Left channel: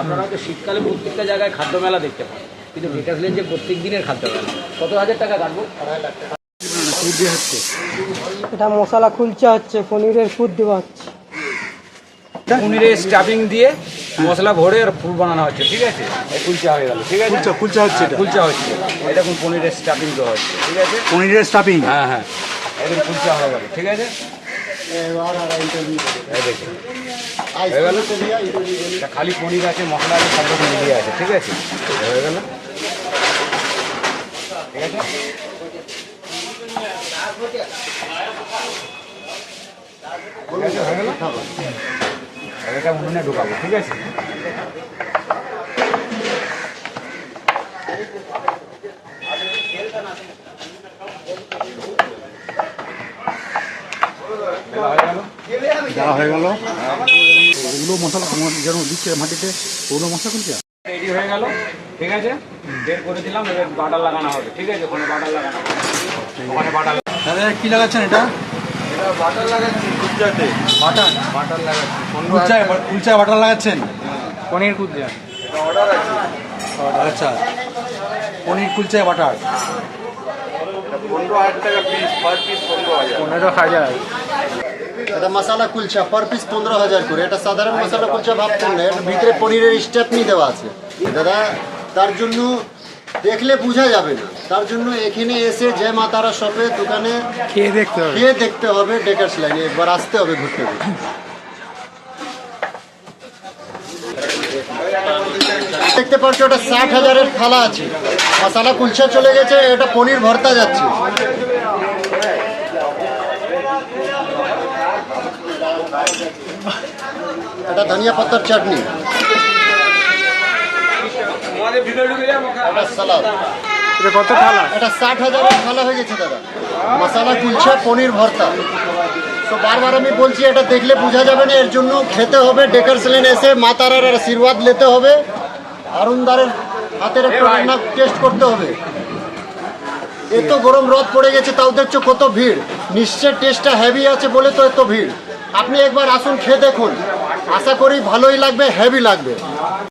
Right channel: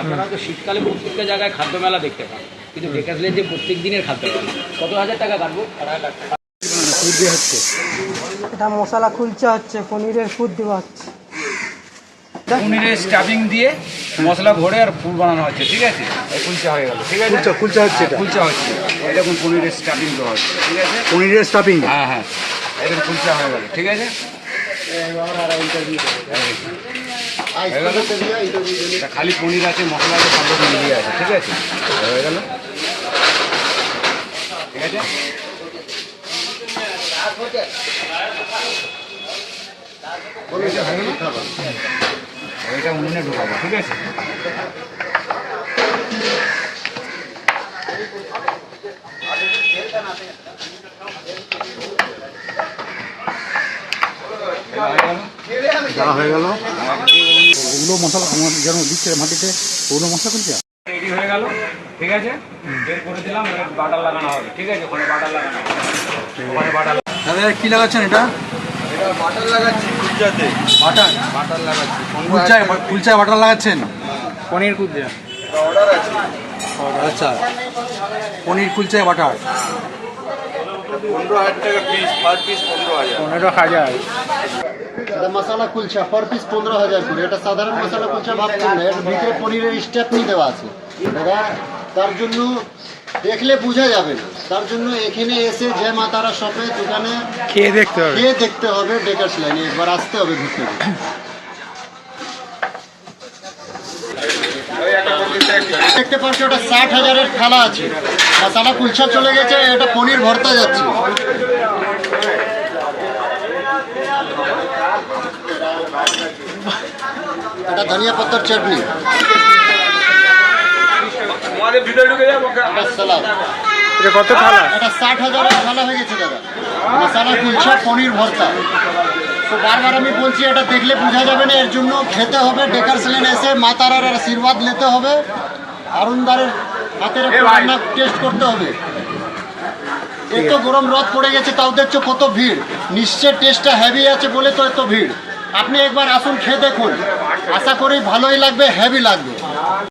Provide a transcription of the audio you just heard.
আপনারা তো শীতকালে প্রত্যেকটা জায়গায় খাদ্য মেলা দেখতে পান। কিন্তু ডেকাসলের যে প্রত্যেক দিনের খাদ্য মেলা। কত হাজার টাকা কাটবো? এটা মশলা কুলচা হচ্ছে পনিরের ফুড দেওয়া হচ্ছে। পনিরের স্টাফিং দিয়ে মশলা ভরে আর ফুল বানানো হচ্ছে ঠিক আছে? এই কুলচা হয়ে গেল ঠিক আছে? কুলচা কুলচা হচ্ছে এটা। কুলচা হচ্ছে। দেখুন পনিরের স্টাফিং দেওয়া হচ্ছে ঠিক আছে? পনিরের স্টাফিং হ্যাঁ হ্যাঁ। একদম কুলচা হয়ে গেল ঠিক আছে? খালি পনির আছে, মশলা আছে, সব রকম মিলিয়ে আছে, ঠিক আছে? হয়ে গেল। ঠিক আছে? এটা উনুনে ঢোকাবো, ঠিক আছে? হয়ে গেল? দেওয়া হয়ে গেল। ওগুলো মশলা আমার যেন দিচ্ছে মাটিতে ওগুলো মশলা কুলচা রেডি হয়ে গেল ঠিক আছে? বের করে দিলাম এবার বাটার লাগানো হবে ঠিক আছে? ওখানে বাটার লাগানো হবে। ওখানে বাটার দাদা কি লাগাচ্ছেন এটা? এটা বাটার লাগাচ্ছি কুলচাতে। বাটার? বাটার লাগাচ্ছি কুলচায় কুলচায় বাটার লাগাচ্ছেন? পনির কুলচা এটা অর্ডার আছে। আচ্ছা। পনির কুলচায় বাটার? পনেরো হাজার টাকা পিস পার পিস পনেরো হাজার। পনেরো হাজার। এটা মশলা কুলচা পার পিস পনেরো হাজার করে। এটা সাধারণ মশলা কুলচা ভাবছেন না এর ভিতরে পনিরের স্টাফনি দেওয়া আছে। দাদা তার জন্য দেখলে বোঝা যাবে না। তার জন্য এখানে এসে যে মাতারা শপে দোকানে খেয়ে দেখতে হবে। খেয়ে দেখতে হবে ডেকার্স লাইনে একবার আসতে হবে ঘুরতে দেখতে পাচ্ছ ওটা ষাট হাজারের থালা আছে। মশলা কুলচা চলে গেছে এটা পনির ভর্তা যাচ্ছে। এটা ধনিয়া পাতার চাটনি। এটা কত থালা? এটা ষাট হাজারের থালা হয়ে গেছে দাদা। মশলা কুলচা পনির ভর্তা। তো বারবার আমি বলছি এটা দেখলে বোঝা যাবে না এর জন্য খেতে হবে। ডেকার সেলেন এসে মা তারার আশীর্বাদ নিতে হবে। আরুনদারের হাতের একটু রান্না টেস্ট করতে হবে। এত গরম রদ পড়ে গেছে তাও দেখছ কত ভিড়। নিশ্চয় টেস্টটা হেভি আছে বলে তো এত ভিড়। আপনি একবার আসুন খেয়ে দেখুন। আশা করি ভালোই লাগবে হেভি লাগবে।